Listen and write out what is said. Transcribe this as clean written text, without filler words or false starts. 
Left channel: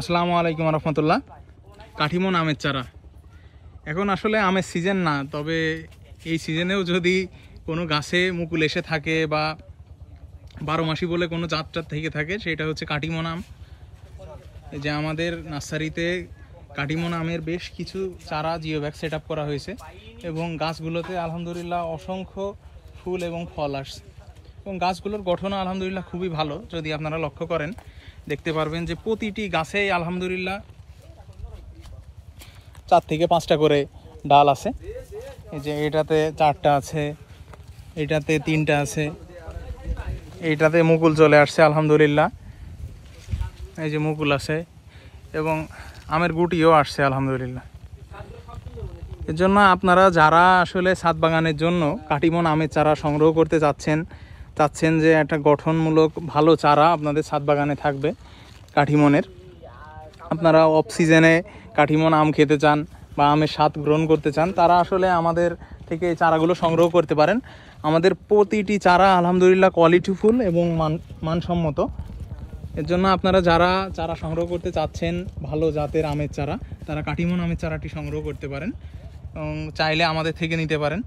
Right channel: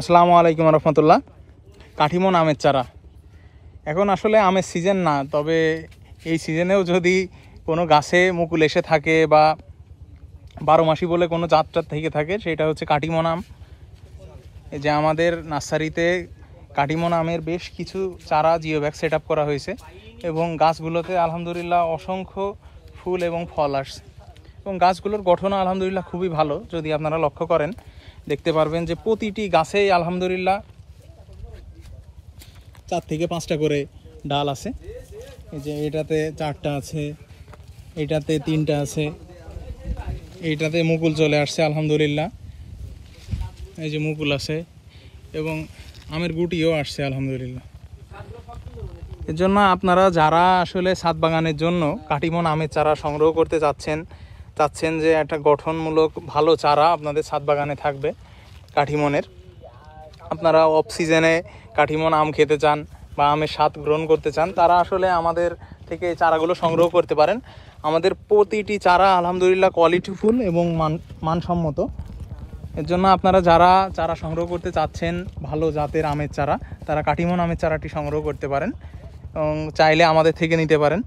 আসসালামু আলাইকুম রহমতুল্লাহ। কাঠিমন আমের চারা এখন আসলে আমের সিজন না, তবে এই সিজনেও যদি কোনো গাছে মুকুল এসে থাকে বা 12 মাসি বলে কোনো জাতটা থেকে থাকে, সেটা হচ্ছে কাঠিমন আম। এই যে আমাদের নার্সারিতে কাঠিমন আমের বেশ কিছু চারা জিও ব্যাগ সেট আপ করা হয়েছে এবং গাছগুলোতে আলহামদুলিল্লাহ অসংখ্য ফুল এবং ফল আসছে এবং গাছগুলোর গঠনও আলহামদুলিল্লাহ খুবই ভালো। যদি আপনারা লক্ষ্য করেন দেখতে পারবেন যে প্রতিটি গাছেই আলহামদুলিল্লাহ 4 থেকে 5টা করে ডাল আছে। এই যে এটাতে 4টা আছে, এটাতে 3টা আছে, এইটাতে মুকুল চলে আসছে আলহামদুলিল্লাহ। এই যে মুকুল আছে এবং আমের গুটিও আসছে আলহামদুলিল্লাহ। এর জন্য আপনারা যারা আসলে ছাদ বাগানের জন্য কাঠিমন আমের চারা সংগ্রহ করতে চাচ্ছেন যে একটা গঠনমূলক ভালো চারা আপনাদের ছাদ বাগানে থাকবে কাঠিমনের, আপনারা অফ সিজনে কাঠিমন আম খেতে চান বা আমের স্বাদ গ্রহণ করতে চান, তারা আসলে আমাদের থেকে এই চারাগুলো সংগ্রহ করতে পারেন। আমাদের প্রতিটি চারা আলহামদুলিল্লাহ কোয়ালিটিফুল এবং মানসম্মত। এর জন্য আপনারা যারা চারা সংগ্রহ করতে চাচ্ছেন ভালো জাতের আমের চারা, তারা কাঠিমন আমের চারাটি সংগ্রহ করতে পারেন এবং চাইলে আমাদের থেকে নিতে পারেন।